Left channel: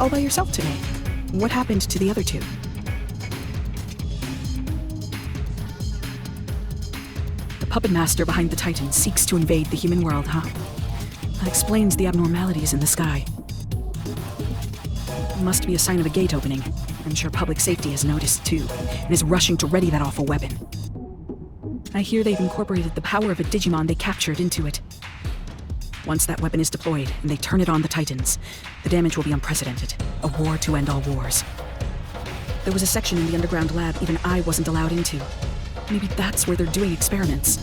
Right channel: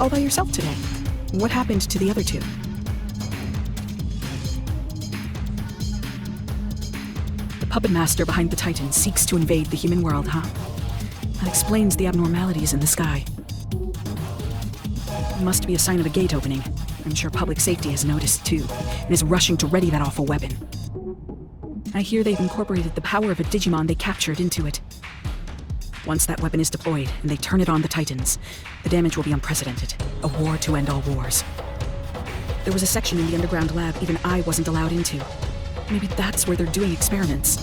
All by yourself today. What happened to the other two? The puppet master behind the Titan seeks to invade the human world, huh? That explains the abnormalities in the sky. It must be a sign of a gate opening. I'm sure public safety has noticed too, and is rushing to ready that awful weapon. I hear they've incorporated the power of a Digimon they captured into it. Once that weapon is deployed and they turn it on the Titans, the damage will be unprecedented. A war to end all wars. There was a section in the underground lab even I wasn't allowed into. Maybe that's where they're doing experiments.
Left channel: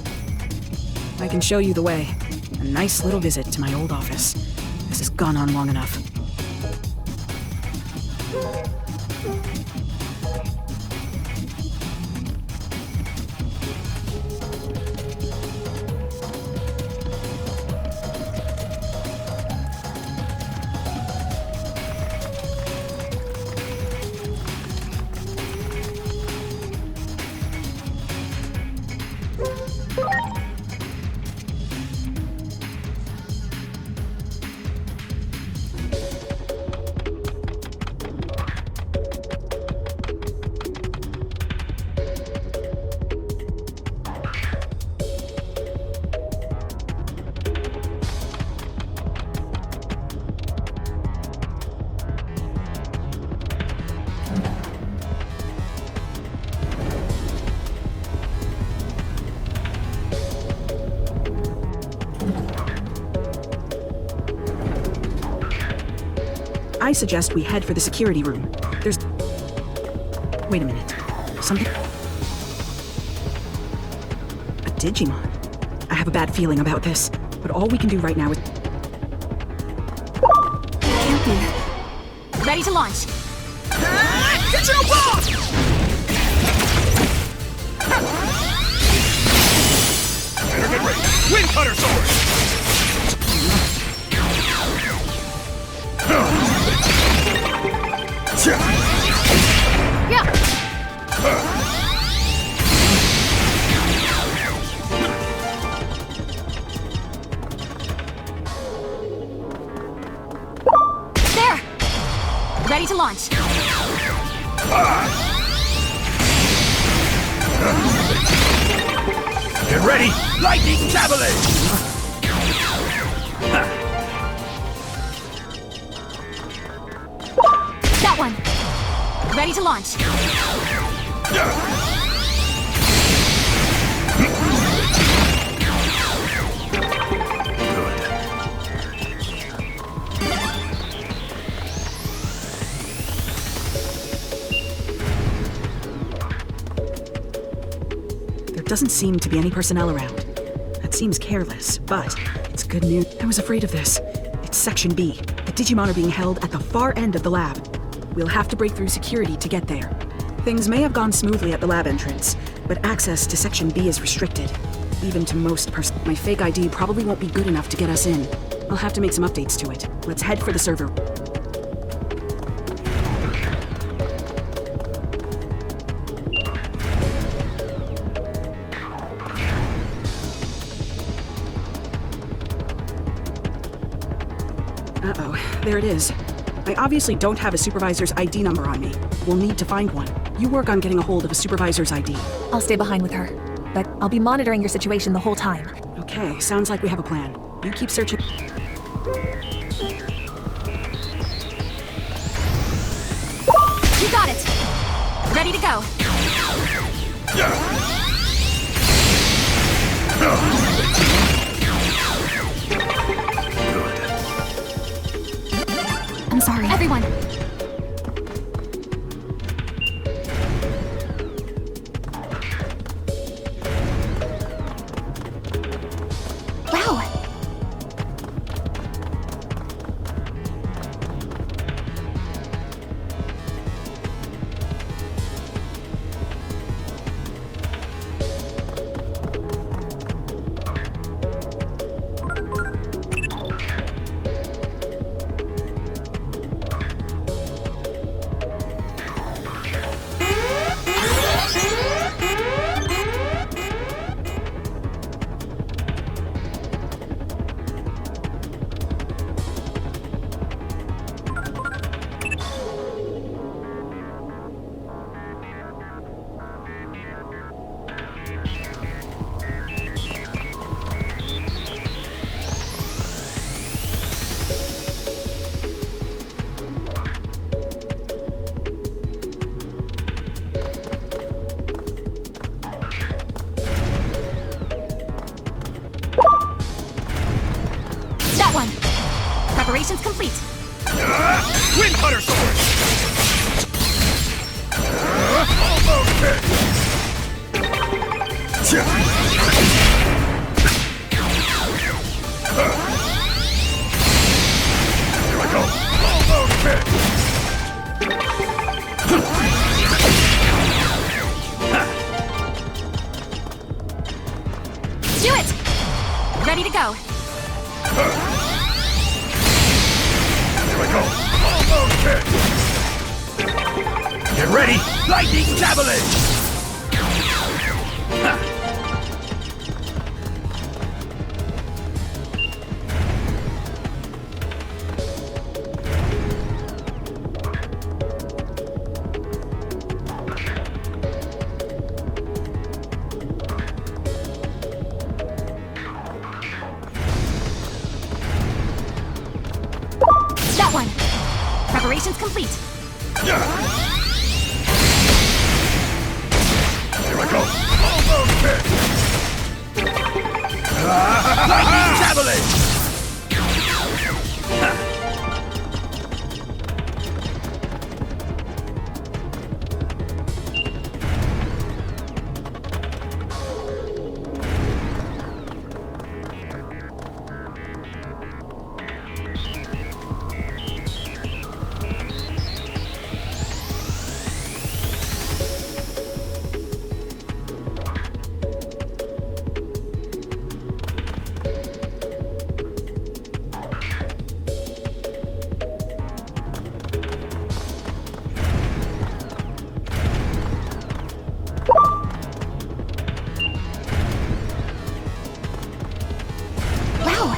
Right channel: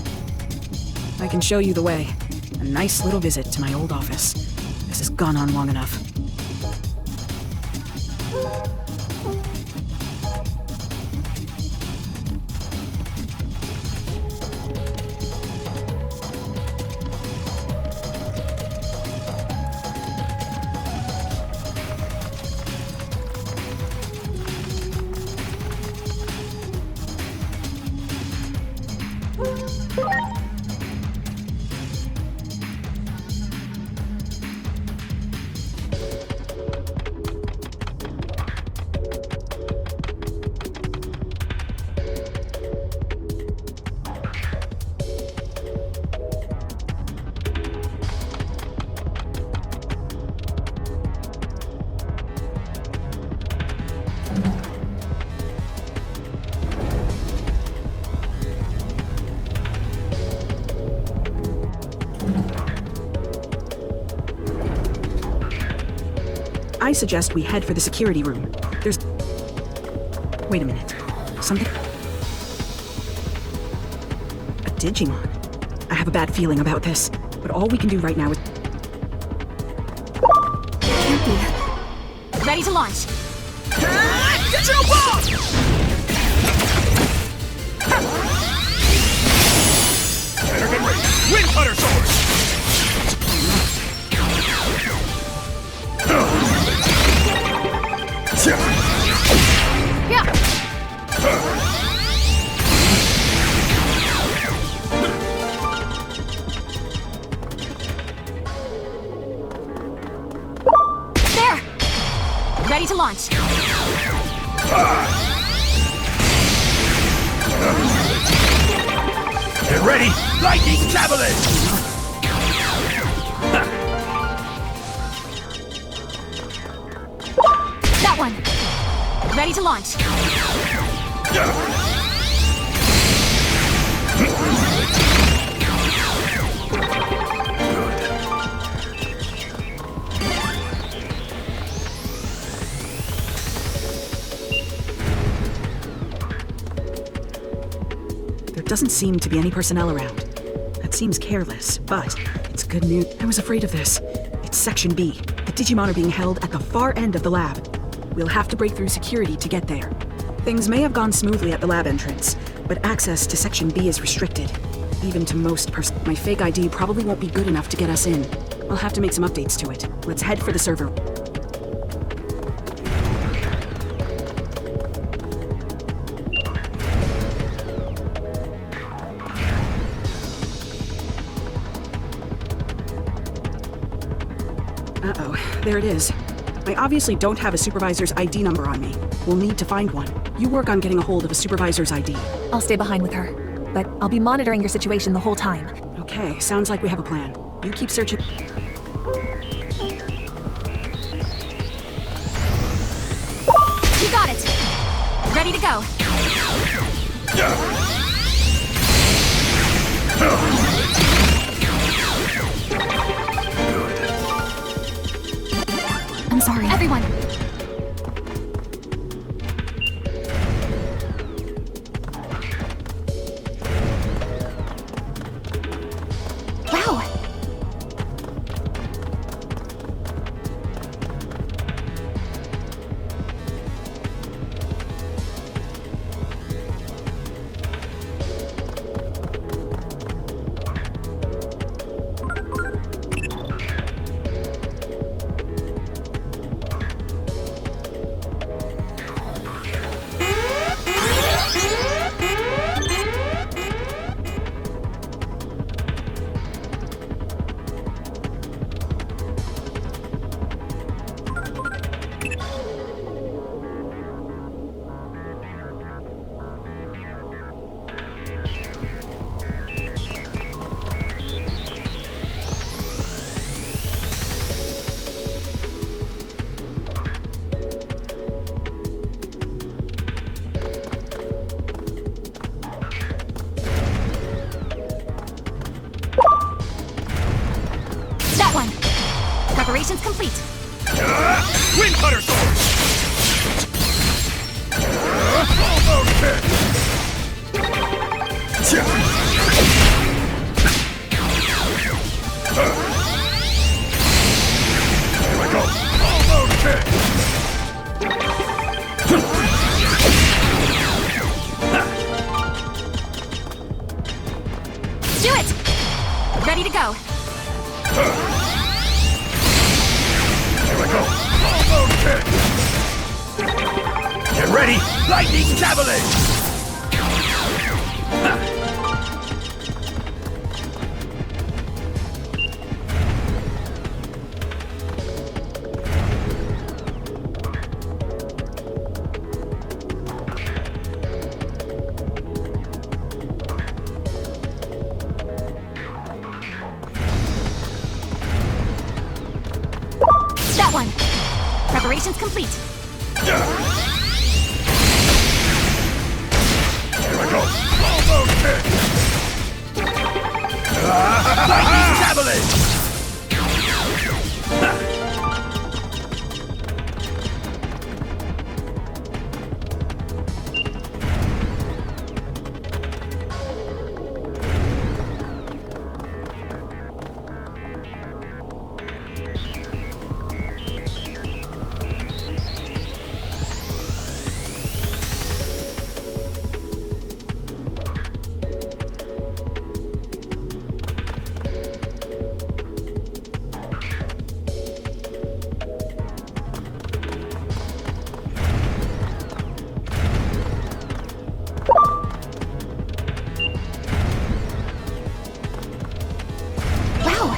I can show you the way. A nice little visit to my old office. This has gone on long enough. I suggest we head for the security room. There's... Wait a minute. Something... A Digimon. I have a bad feeling about this, but all we can do right now is... Ready to launch. Wind Cutter Sword! Yeah. There. Ready to launch. Get ready! Lightning Javelin! That one. Ready to launch. There doesn't seem to be any personnel around. That seems careless, but it's good news. I was afraid of this. It's Section B. The Digimon are being held at the far end of the lab. We'll have to break through security to get there. Things may have gone smoothly at the lab entrance, but access to Section B is restricted. Even to most my fake ID probably won't be good enough to get us in. I'll have to make some updates to it. Let's head for the server. Uh-oh, there it is. I obviously don't have a supervisor's ID number on me. We'll need to find one. You work on getting a hold of a supervisor's ID. I'll stay behind with her, but I'll be monitoring your situation the whole time. Okay, sounds like we have a plan. You keep searching. You got it. Ready to go. I'm sorry. Everyone. Wow. complete. Wind cutter sword! Here I go. Do it! Ready to go. Get ready! Lightning javelin! That one. Preparations complete. Here I go. Lightning javelin! Wow.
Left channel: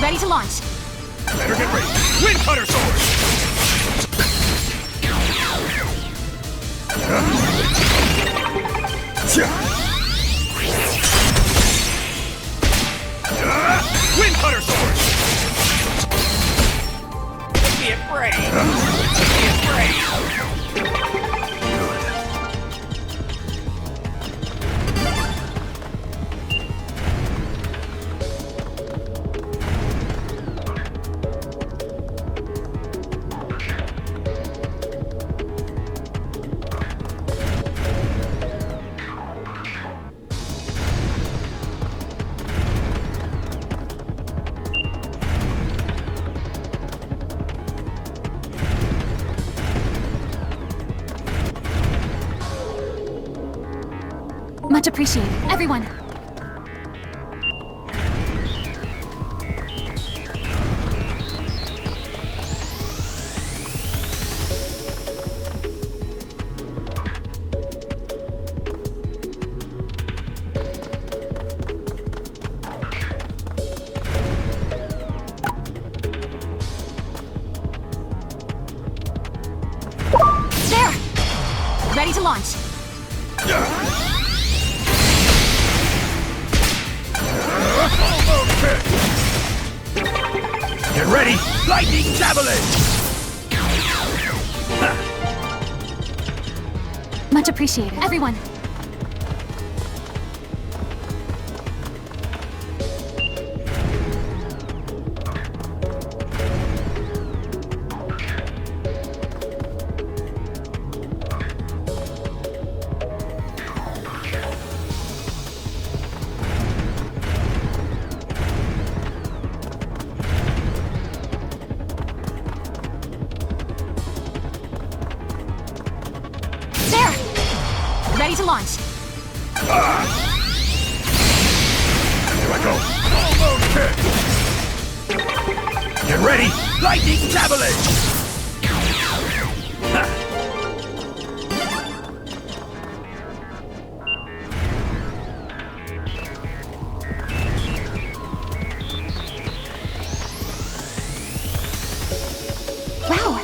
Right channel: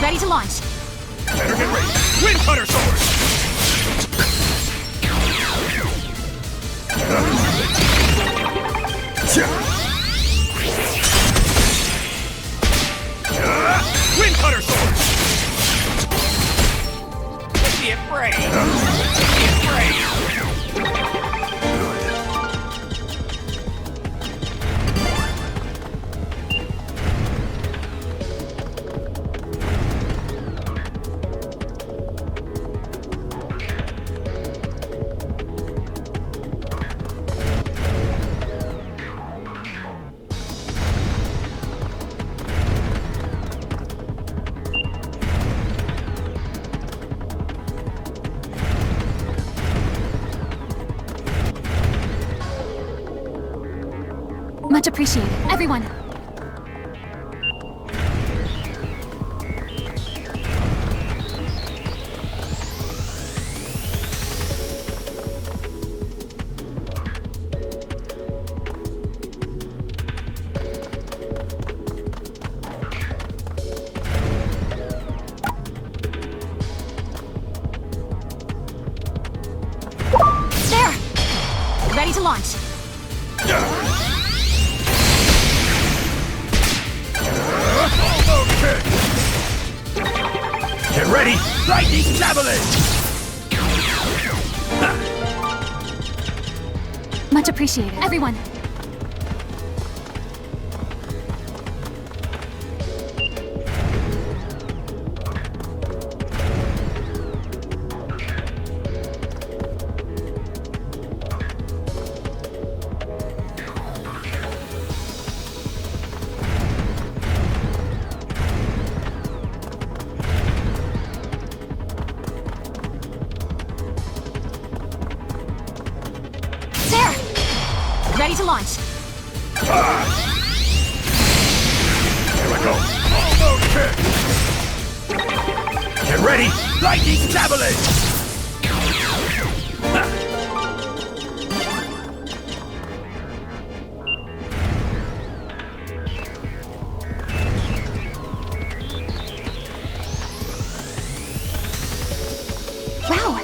Ready to launch. Better get ready. Wind cutter sword! Wind cutter sword! Get ready! Get ready! Much appreciated, everyone. There! Ready to launch. Get ready! Lightning javelin! Much appreciated, everyone. to launch. Here I go. Get ready. Lightning javelin. Wow.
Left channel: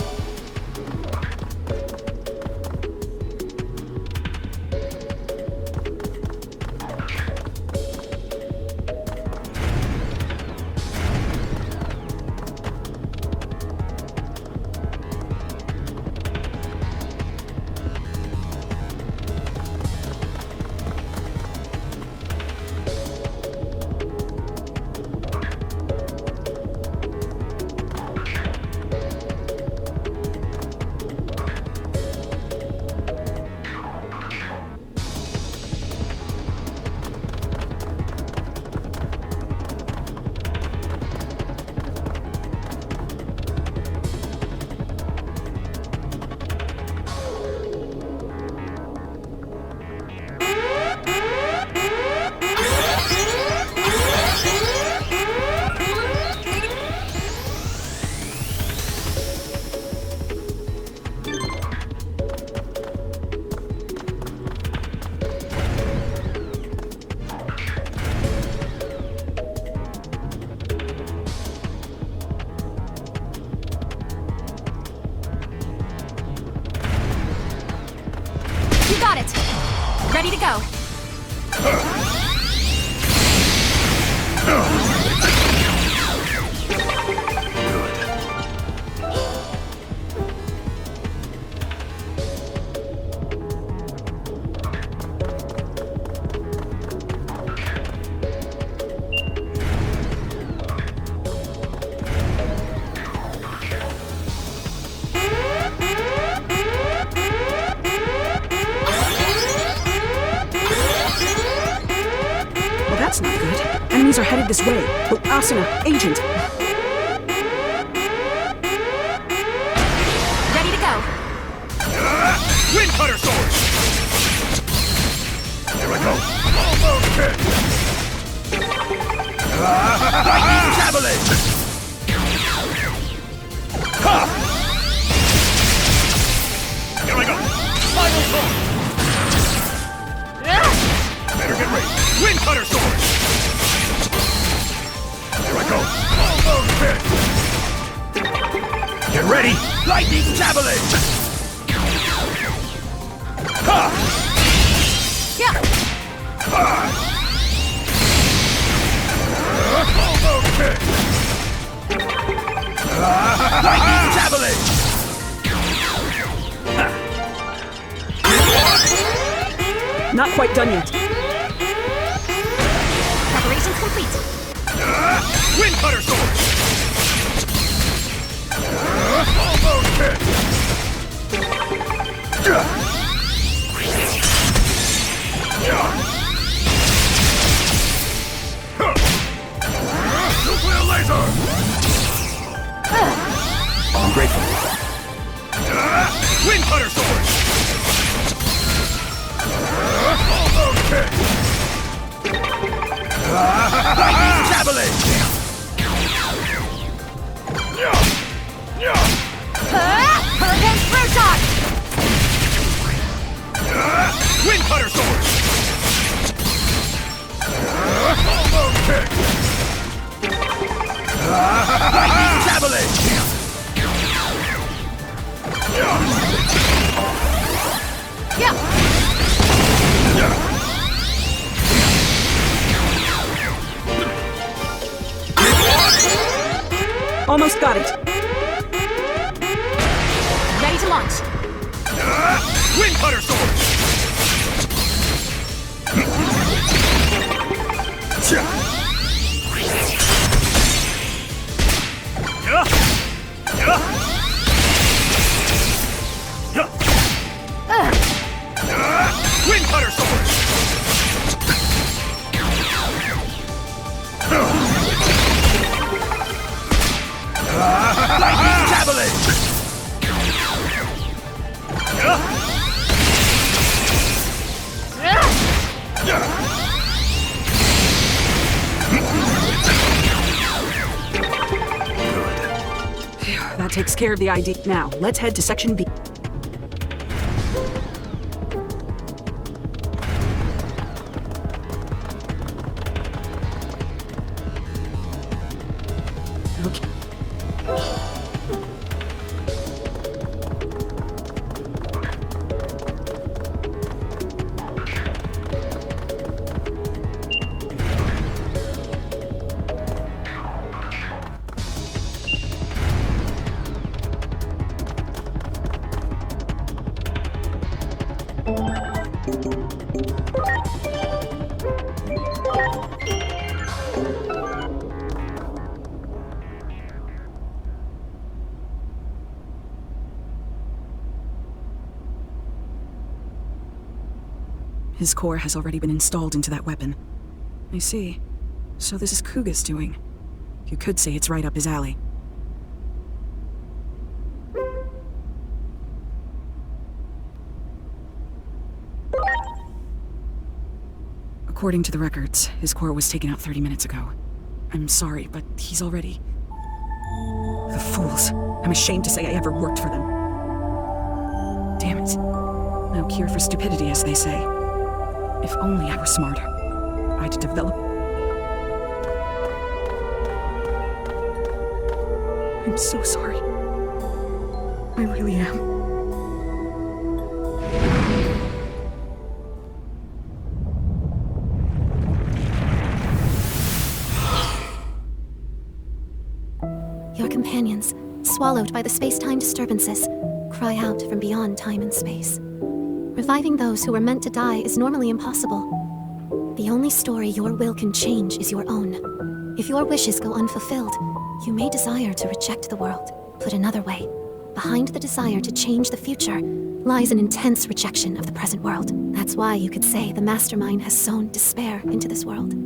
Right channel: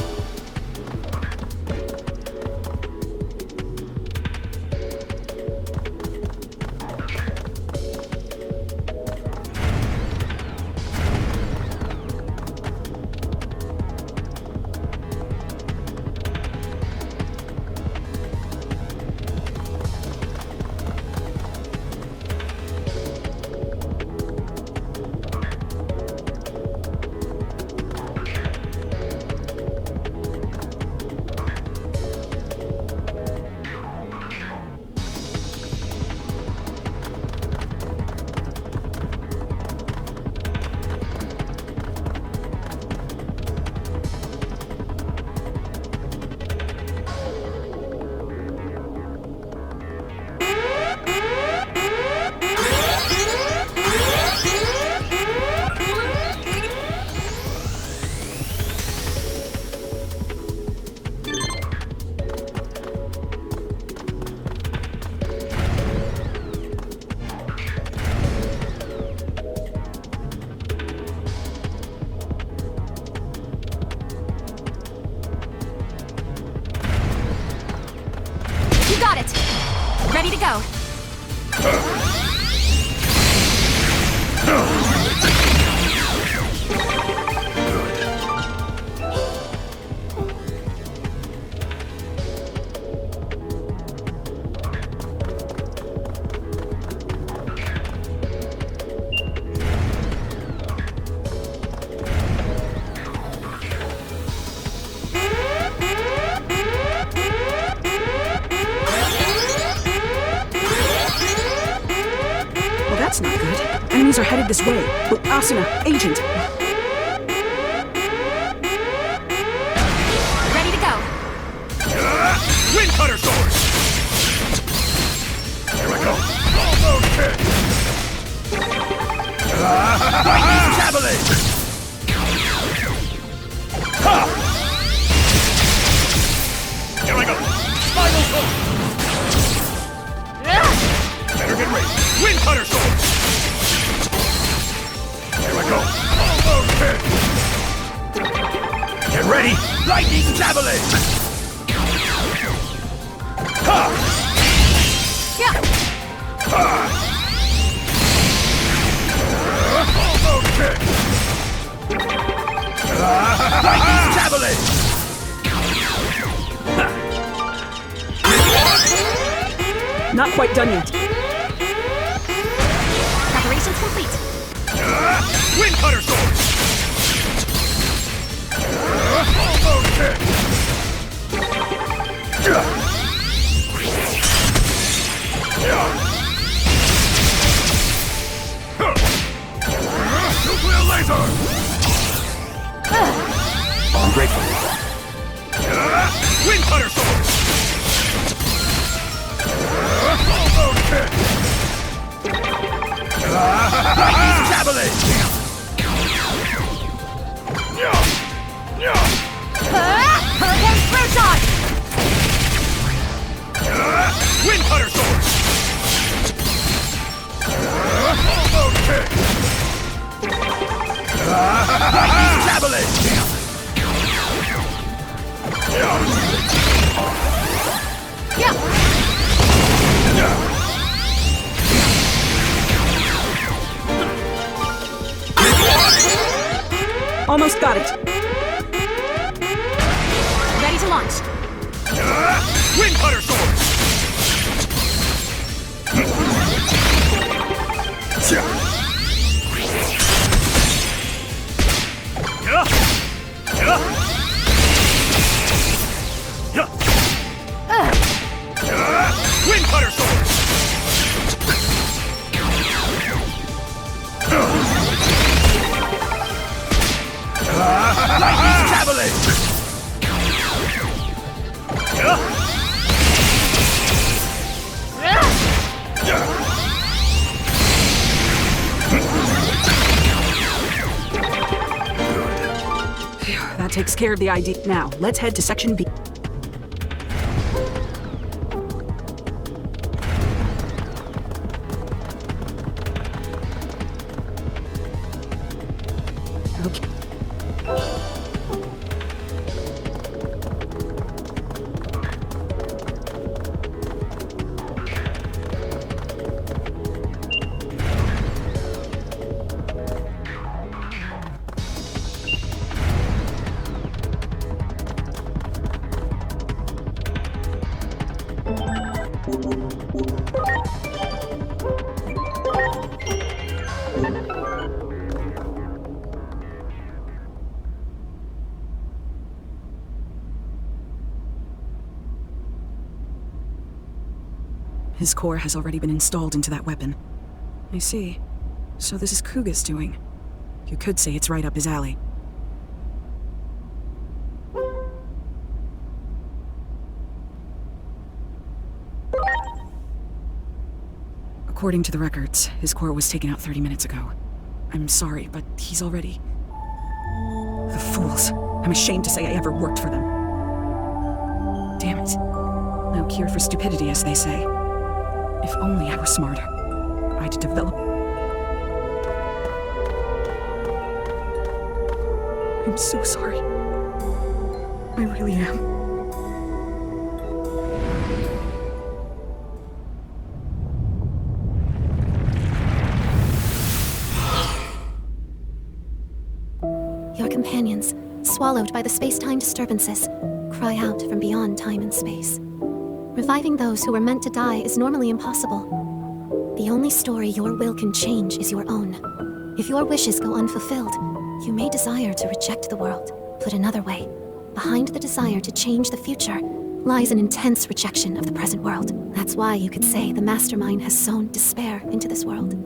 Got it. Ready to go. Oh, that's not good. Enemies are headed this way. Oh, Asuna, agent. Ready to go. Wind cutter sword. Here I go. Almost there. Lightning javelin. Ha! Here I go. Final sword. Better get ready. Wind cutter sword. Here I go. Almost there. Get ready. Lightning javelin. Ha! Yeah. Lightning javelin. Not quite done yet. Preparations complete. Wind cutter sword. Almost there. Nuclear laser. Wind cutter sword. Lightning javelin. Perfect flare shot. Wind cutter sword. Lightning javelin. Yeah. Almost got it. Ready to launch. Wind cutter sword. Wind cutter sword. Javelin. takes care of the ID. Now, let's head to Section B. Okay. His core has already been installed into that weapon. I see. So this is Kuga's doing. You could say it's right up his alley. According to the records, his core was taken out 30 minutes ago. I'm sorry, but he's already... The fools. I'm ashamed to say I ever worked for them. Damn it. No cure for stupidity, as they say. If only I were smarter. I'd develop... I'm so sorry. I really am. Your companions, swallowed by the space-time disturbances, cry out from beyond time and space. Reviving those who were meant to die is normally impossible. The only story your will can change is your own. If your wishes go unfulfilled, you may desire to reject the world. Put another way, behind the desire to change the future lies an intense rejection of the present world. That's why you could say the mastermind has sown despair into this world.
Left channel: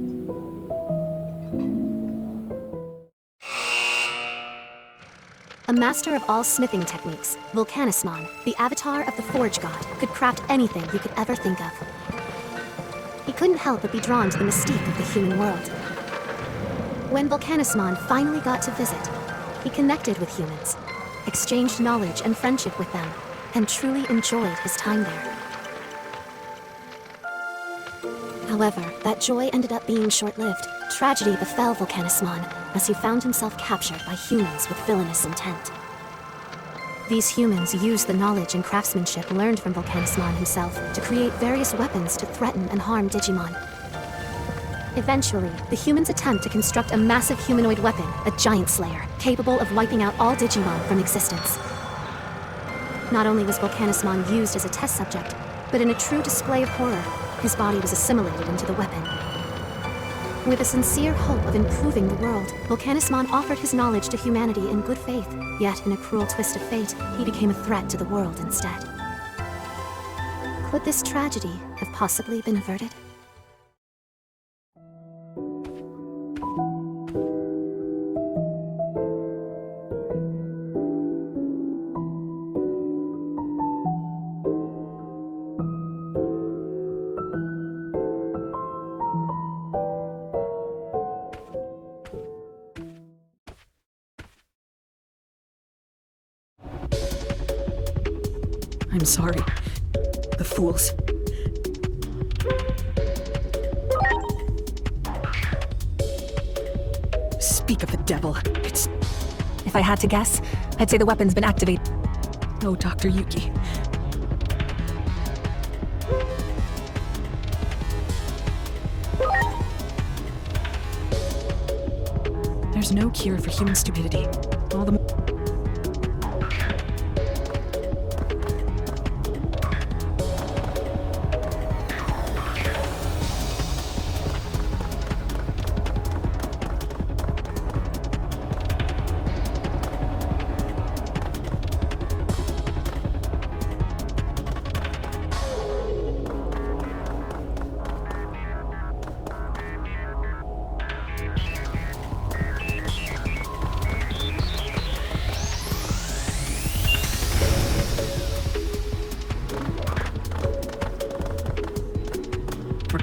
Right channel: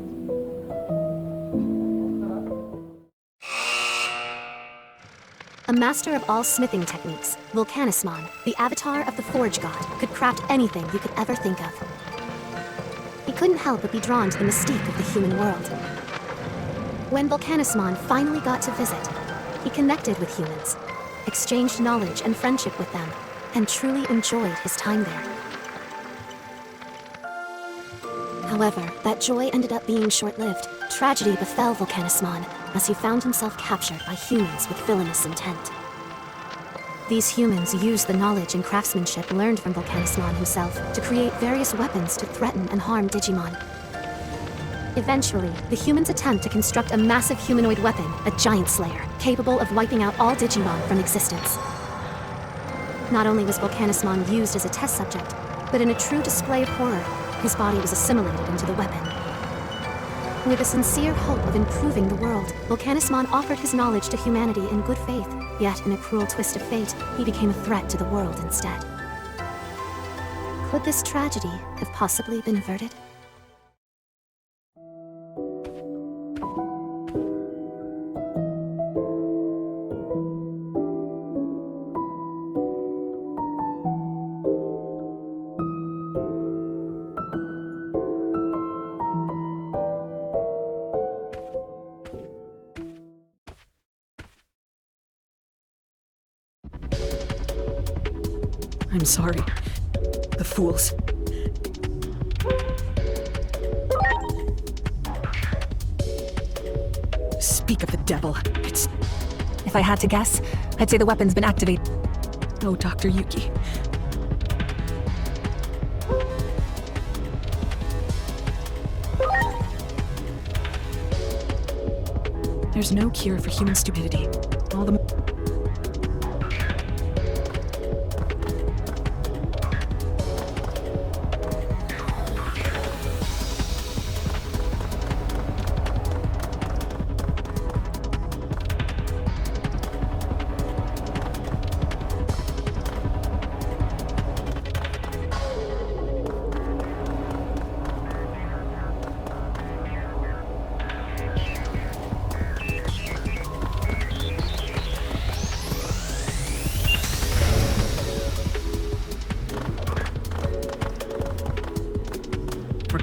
A master of all smithing techniques, Volcanismon, the avatar of the Forge God, could craft anything you could ever think of. He couldn't help but be drawn to the mystique of the human world. When Volcanismon finally got to visit, he connected with humans, exchanged knowledge and friendship with them, and truly enjoyed his time there. However, that joy ended up being short-lived. Tragedy befell Volcanismon as he found himself captured by humans with villainous intent. These humans used the knowledge and craftsmanship learned from Volcanismon himself to create various weapons to threaten and harm Digimon. Eventually, the humans attempt to construct a massive humanoid weapon, a giant slayer, capable of wiping out all Digimon from existence. Not only was Volcanismon used as a test subject, but in a true display of horror, his body was assimilated into the weapon. With a sincere hope of improving the world, Volcanismon offered his knowledge to humanity in good faith, yet in a cruel twist of fate, he became a threat to the world instead. Could this tragedy have possibly been averted? I'm sorry. The fools. Speak of the devil. It's... If I had to guess, I'd say the weapon's been activated. Oh, Dr. Yuki. There's no cure for human stupidity. All the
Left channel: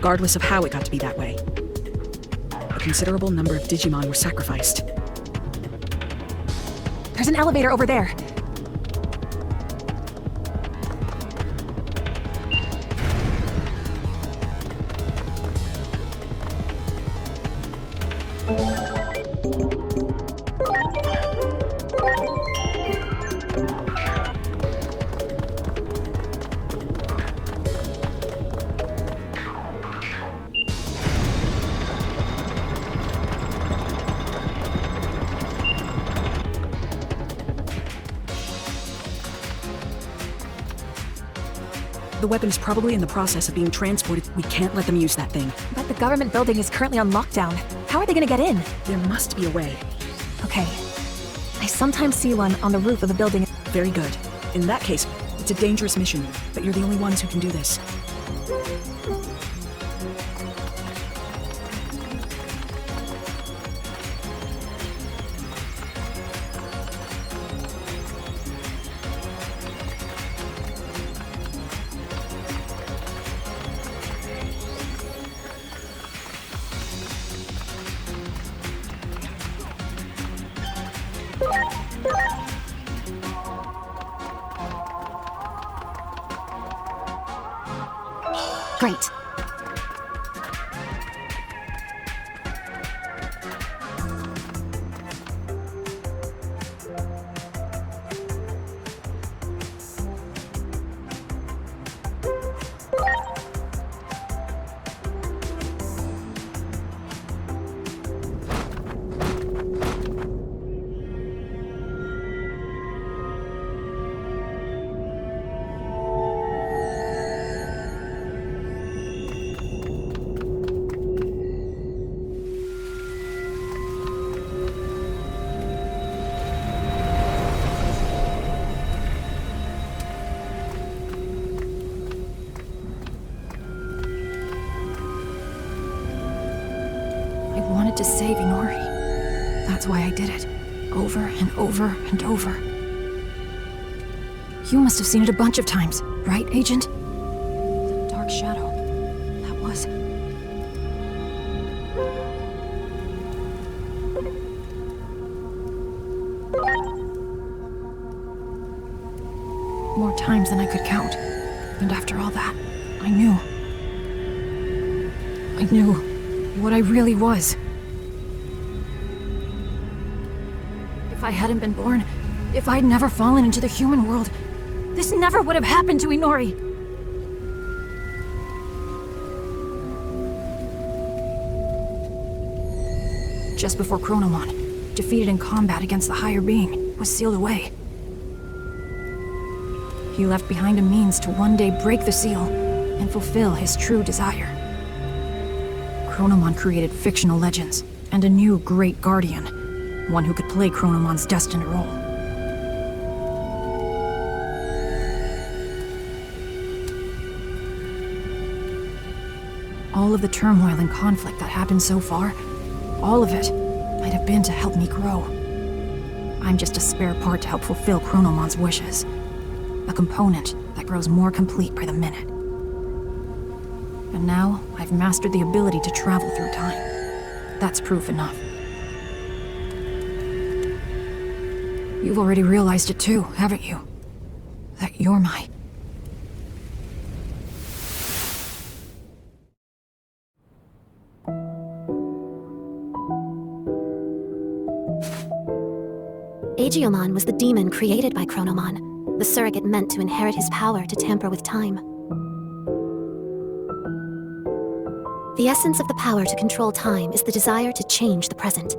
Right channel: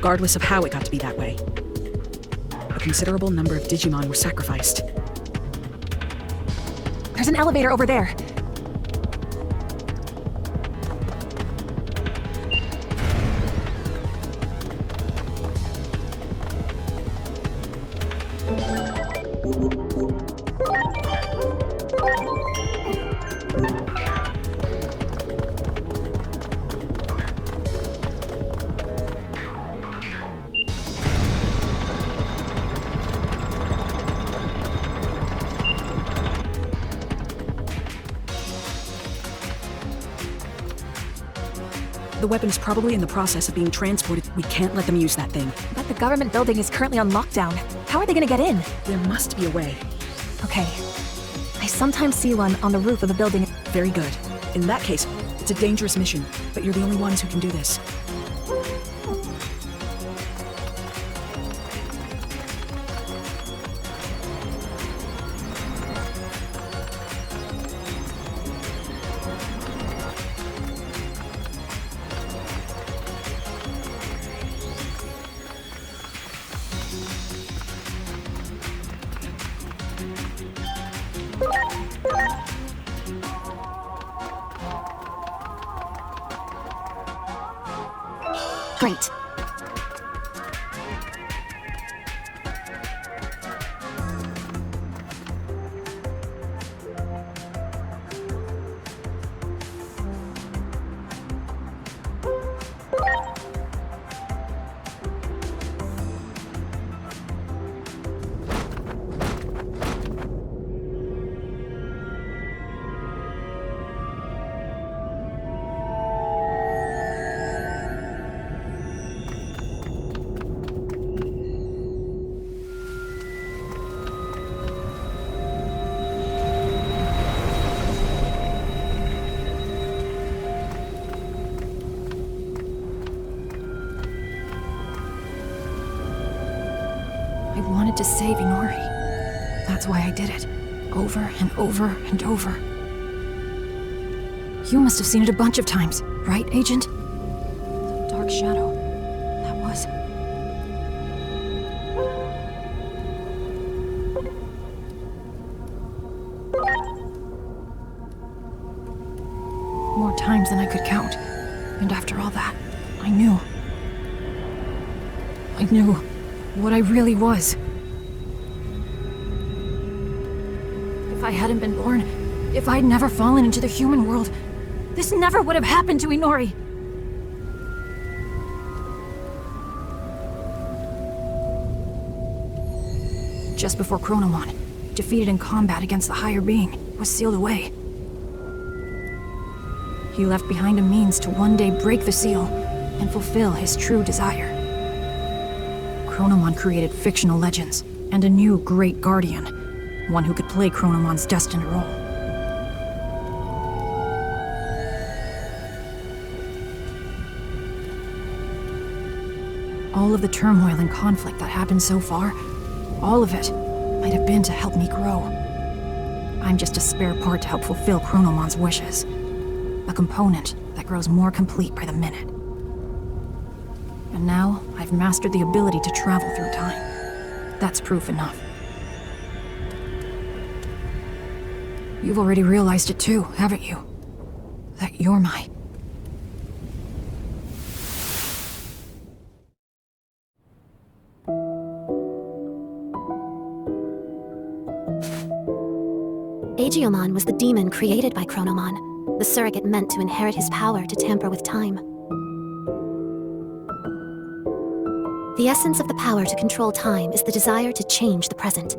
regardless of how it got to be that way. A considerable number of Digimon were sacrificed. There's an elevator over there. The weapon's probably in the process of being transported. We can't let them use that thing. But the government building is currently on lockdown. How are they gonna get in? There must be a way. Okay. I sometimes see one on the roof of a building. Very good. In that case, it's a dangerous mission, but you're the only ones who can do this. Great. I wanted to save Inori. That's why I did it. Over and over and over. You must have seen it a bunch of times, right, Agent? Dark shadow. That was. More times than I could count. And after all that, I knew what I really was. If I hadn't been born, if I'd never fallen into the human world, this never would have happened to Inori. Just before Chronomon, defeated in combat against the higher being, was sealed away. He left behind a means to one day break the seal and fulfill his true desire. Chronomon created fictional legends and a new great guardian, one who could play Chronomon's destined role. All of the turmoil and conflict that happened so far, all of it might have been to help me grow. I'm just a spare part to help fulfill Chronomon's wishes. A component that grows more complete by the minute. And now, I've mastered the ability to travel through time. That's proof enough. You've already realized it too, haven't you? That you're my... Digimon was the demon created by Chronomon, the surrogate meant to inherit his power to tamper with time. The essence of the power to control time is the desire to change the present.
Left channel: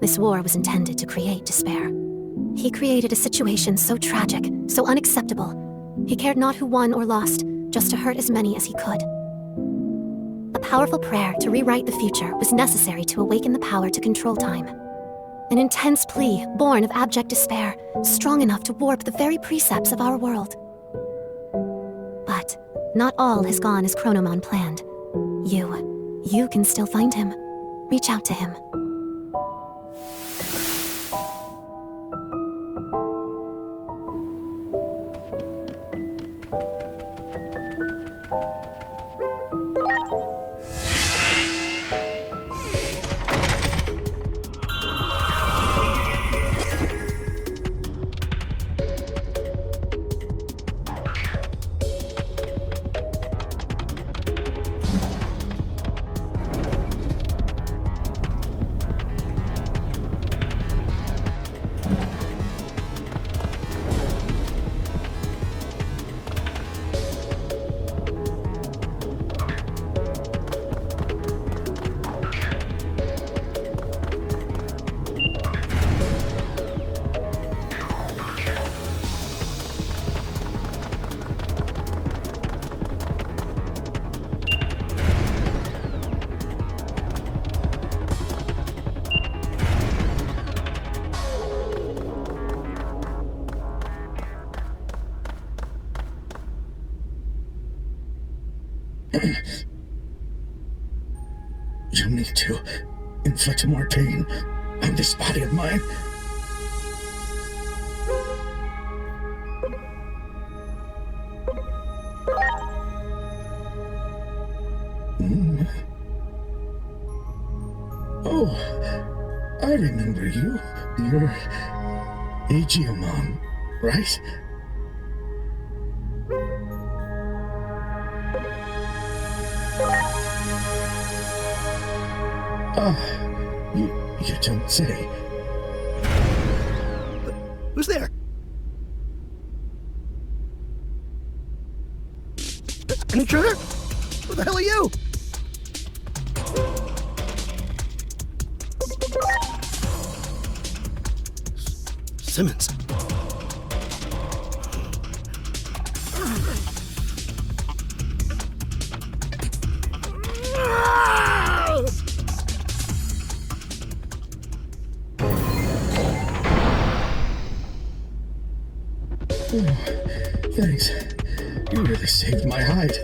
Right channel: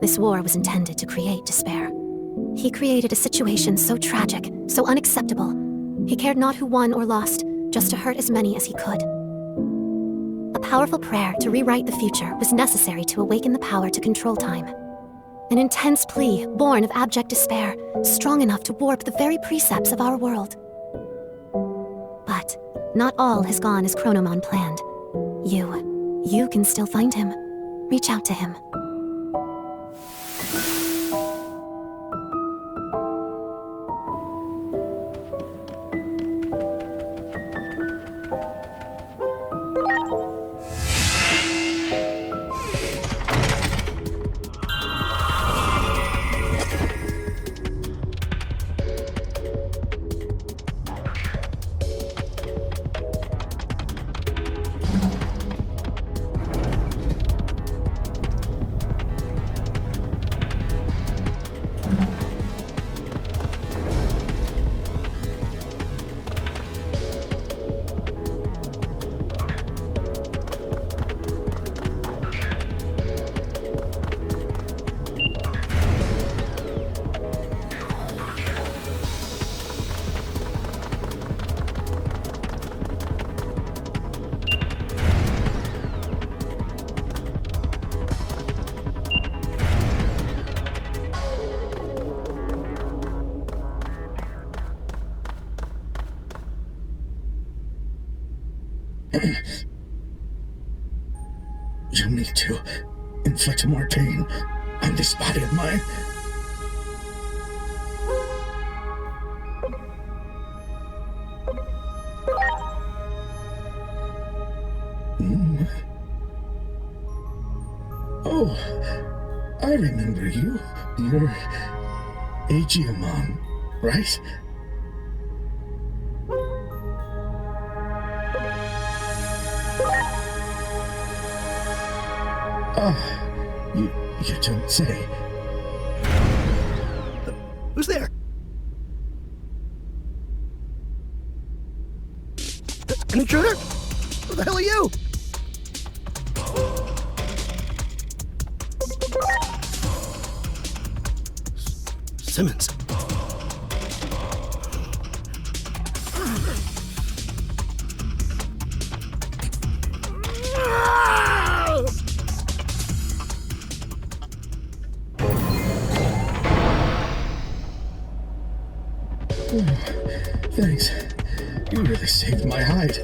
This war was intended to create despair. He created a situation so tragic, so unacceptable. He cared not who won or lost, just to hurt as many as he could. A powerful prayer to rewrite the future was necessary to awaken the power to control time. An intense plea, born of abject despair, strong enough to warp the very precepts of our world. But not all has gone as Chronomon planned. You can still find him. Reach out to him. You need to inflict more pain on this body of mine. Oh, I remember you. You're Digimon, right? Oh, you don't say. Who's there? An intruder? Who the hell are you? Simmons. Thanks. You really saved my hide.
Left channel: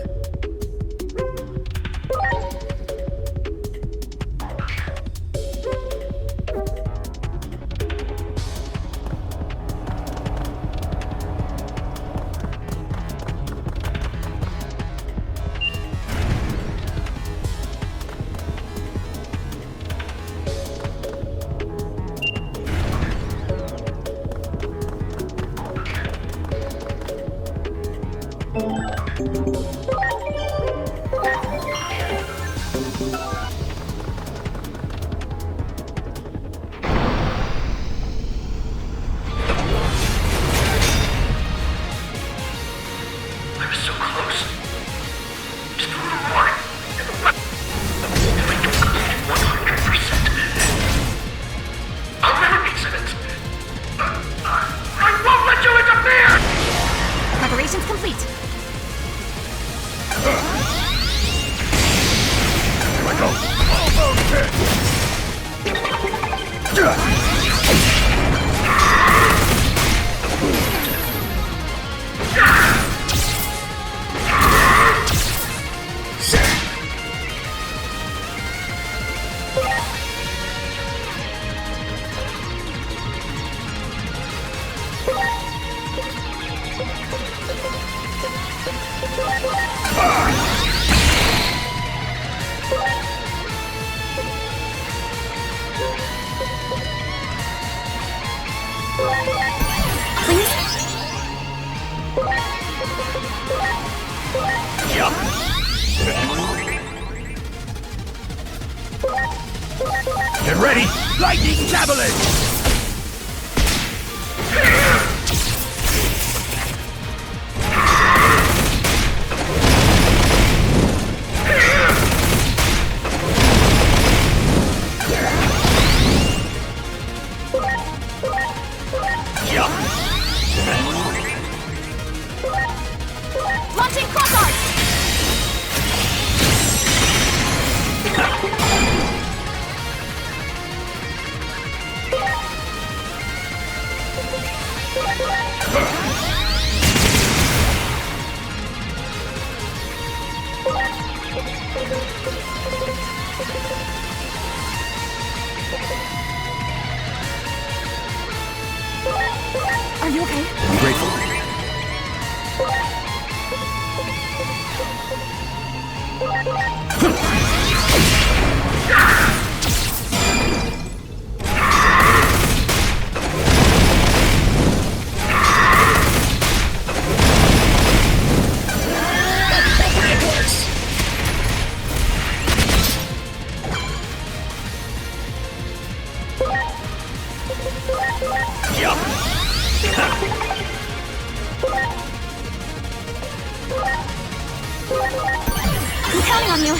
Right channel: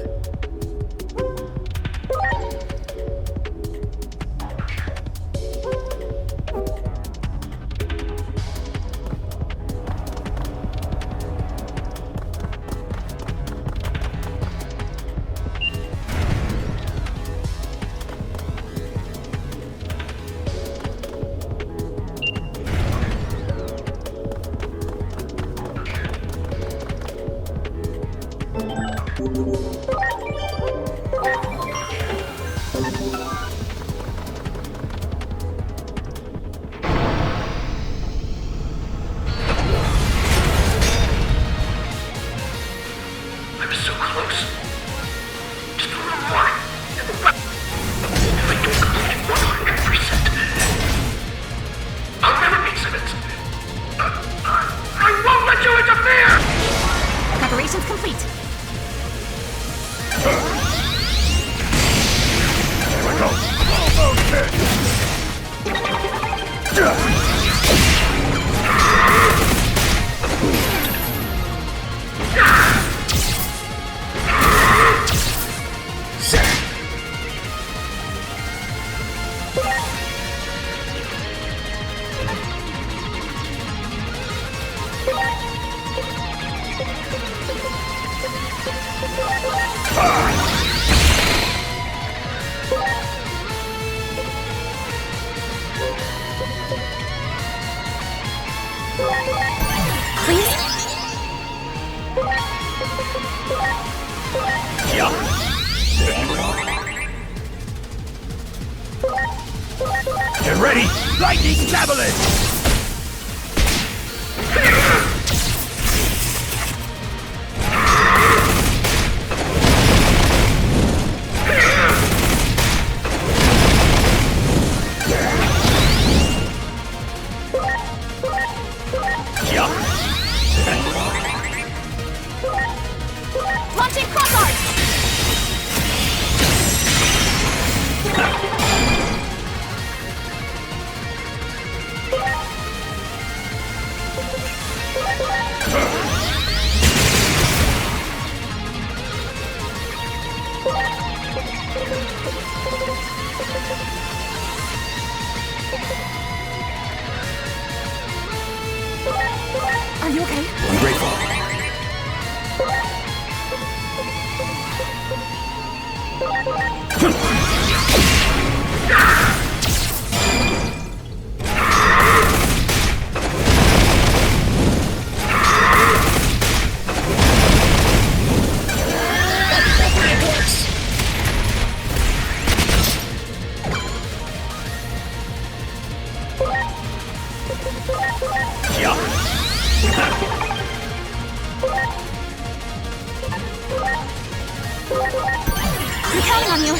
Preparations complete. Get ready! Lightning Javelin! Launching crossbow! Are you okay? I'm grateful. I'm counting on you.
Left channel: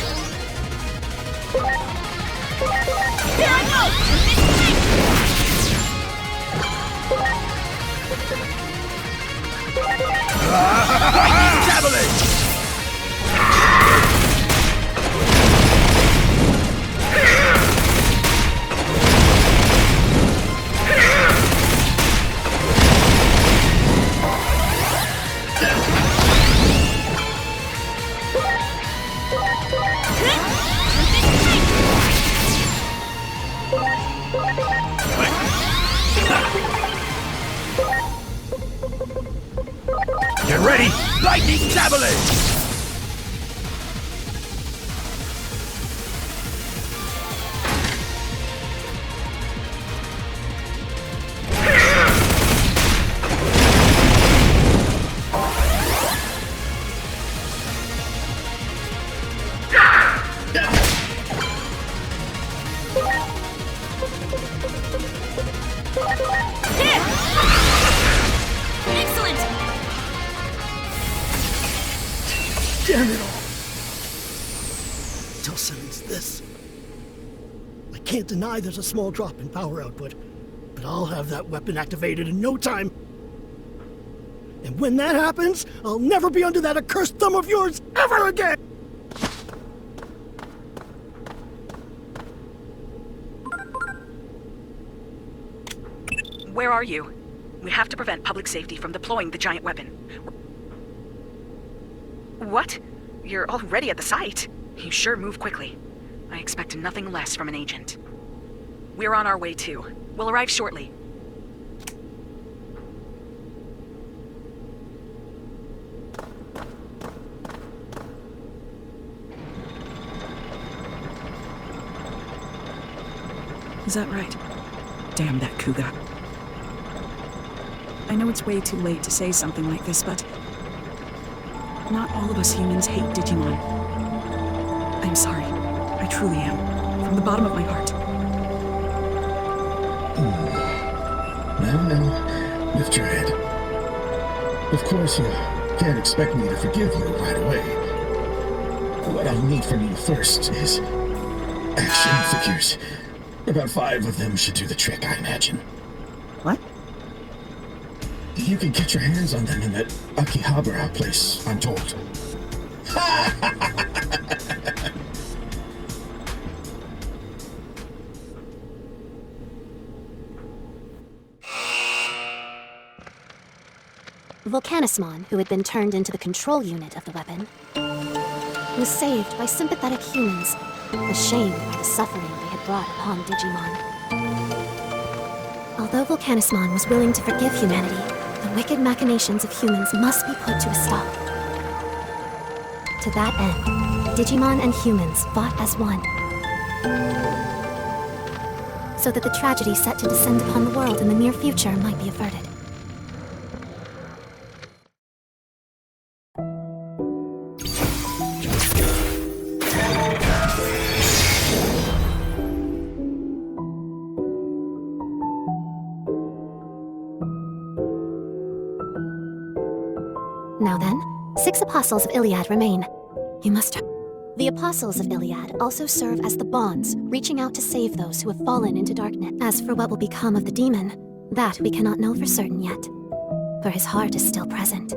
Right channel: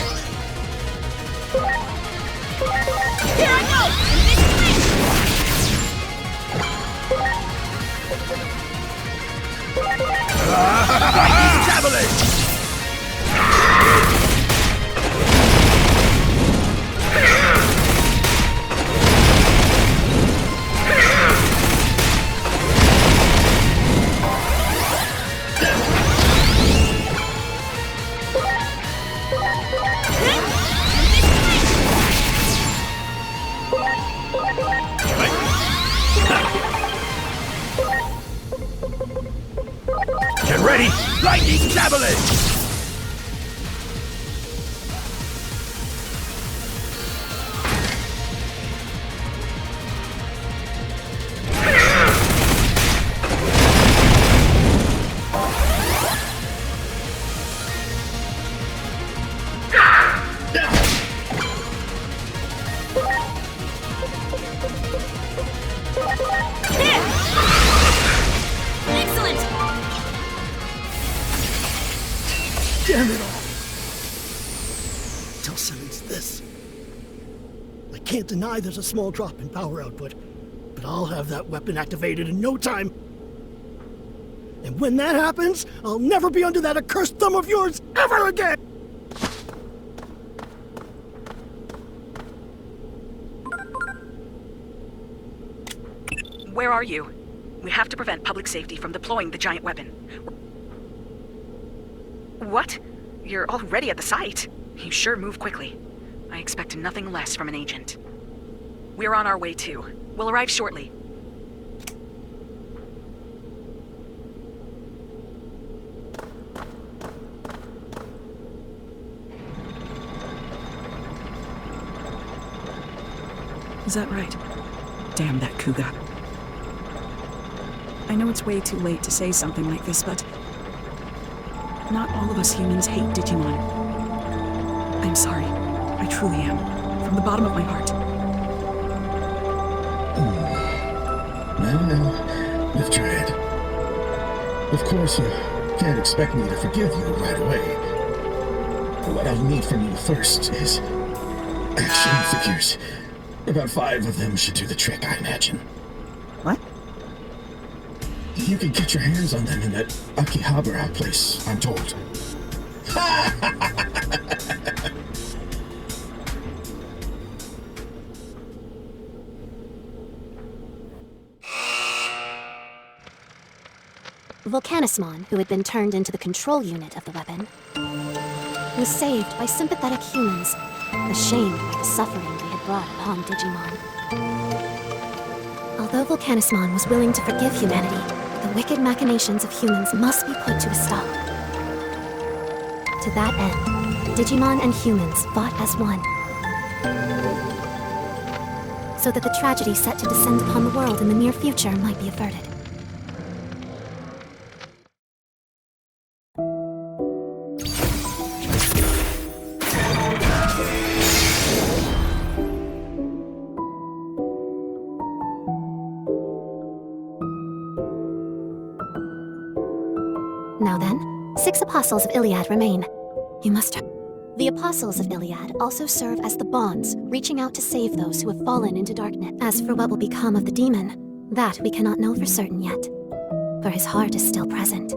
Excellent! Damn it all! Tell Simmons this. I can't deny there's a small drop in power output, but I'll have that weapon activated in no time. And when that happens, I'll never be under that accursed thumb of yours ever again! Where are you? We have to prevent public safety from deploying the giant weapon. What? You're already at the site? You sure move quickly. I expect nothing less from an agent. We're on our way too. We'll arrive shortly. Is that right? Damn that Cougar. I know it's way too late to say something like this, but not all of us humans hate Digimon. I'm sorry. I truly am. From the bottom of my heart. Now, with Dread. Of course, you can't expect me to forgive you right away. What I'll need from you first is action figures. About 5 of them should do the trick, I imagine. What? You can get your hands on them in that Akihabara place, I'm told. Volcanismon, who had been turned into the control unit of the weapon, was saved by sympathetic humans, ashamed by the suffering they had brought upon Digimon. Although Volcanismon was willing to forgive humanity, the wicked machinations of humans must be put to a stop. To that end, Digimon and humans fought as one, so that the tragedy set to descend upon the world in the near future might be averted. Now then, 6 apostles of Iliad remain. You must... The apostles of Iliad also serve as the bonds, reaching out to save those who have fallen into darkness. As for what will become of the demon, that we cannot know for certain yet, for his heart is still present.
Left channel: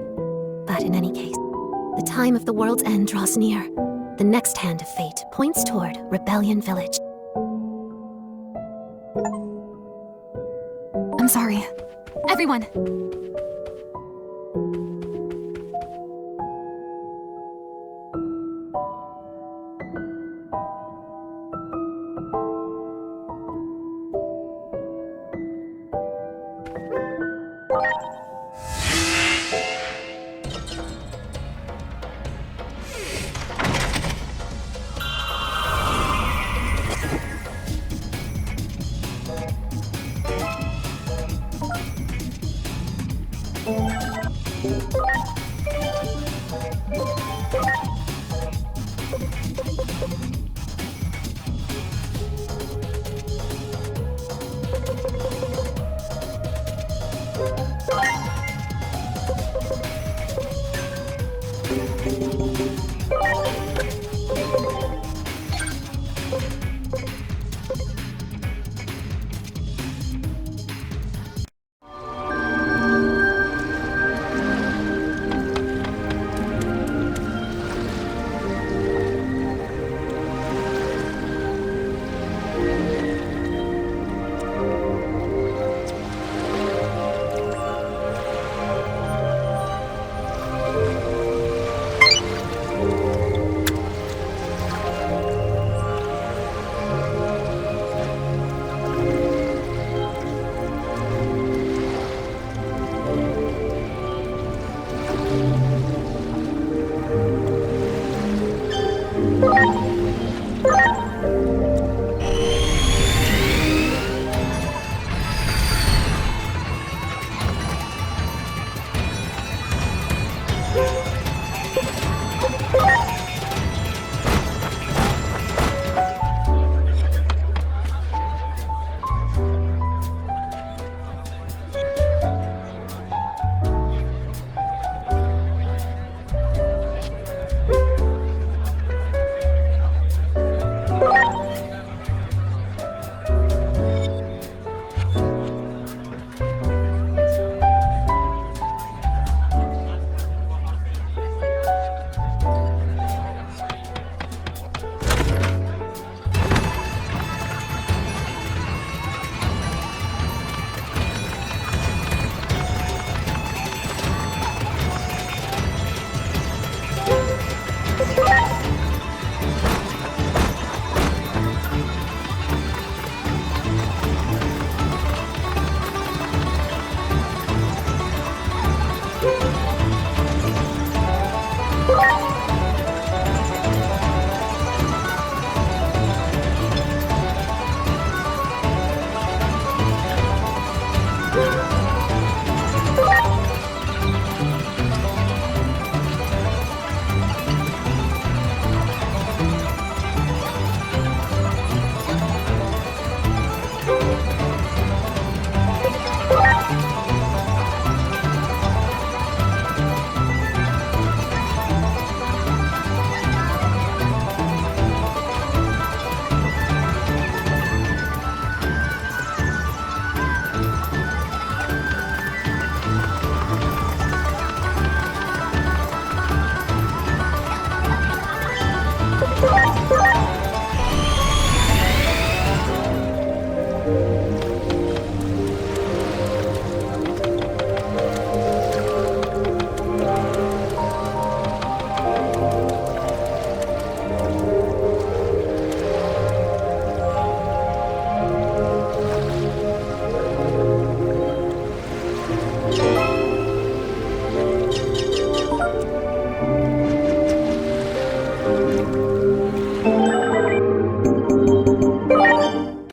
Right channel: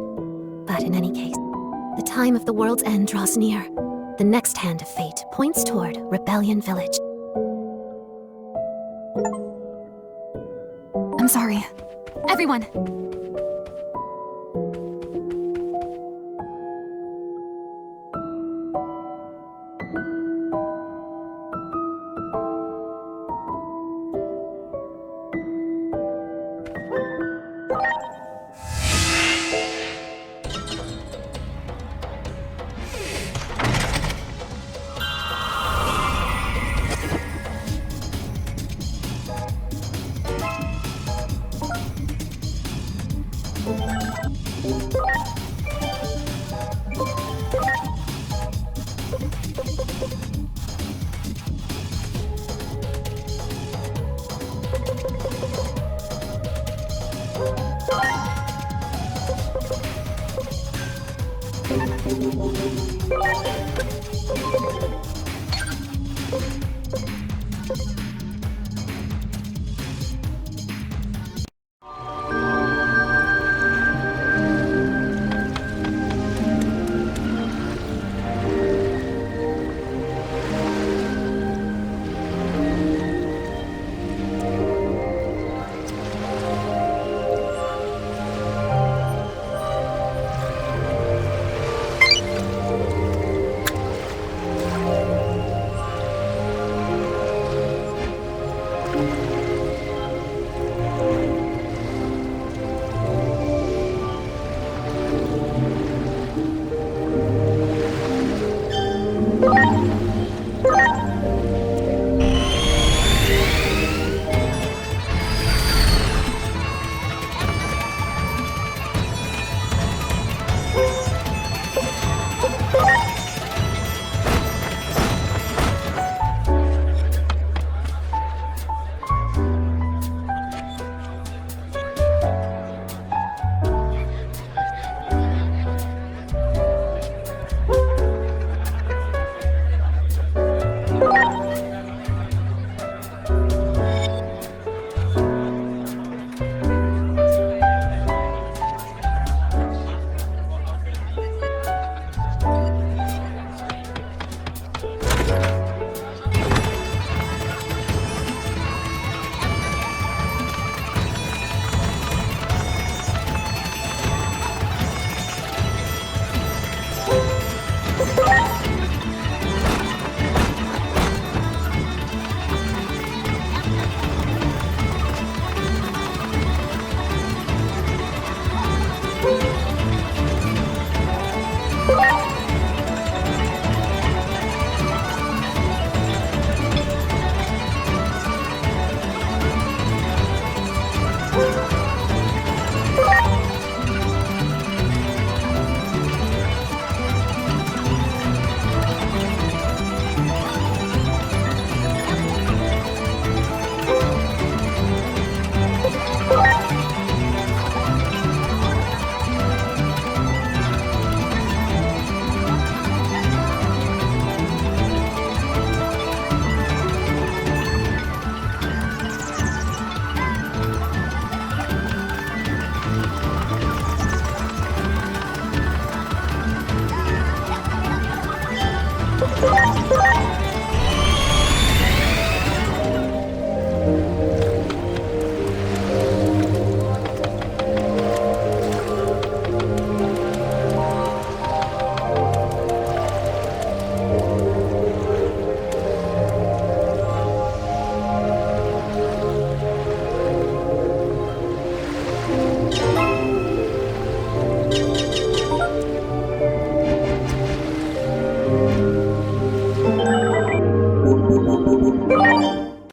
But in any case, the time of the world's end draws near. The next hand of fate points toward Rebellion Village. I'm sorry. Everyone!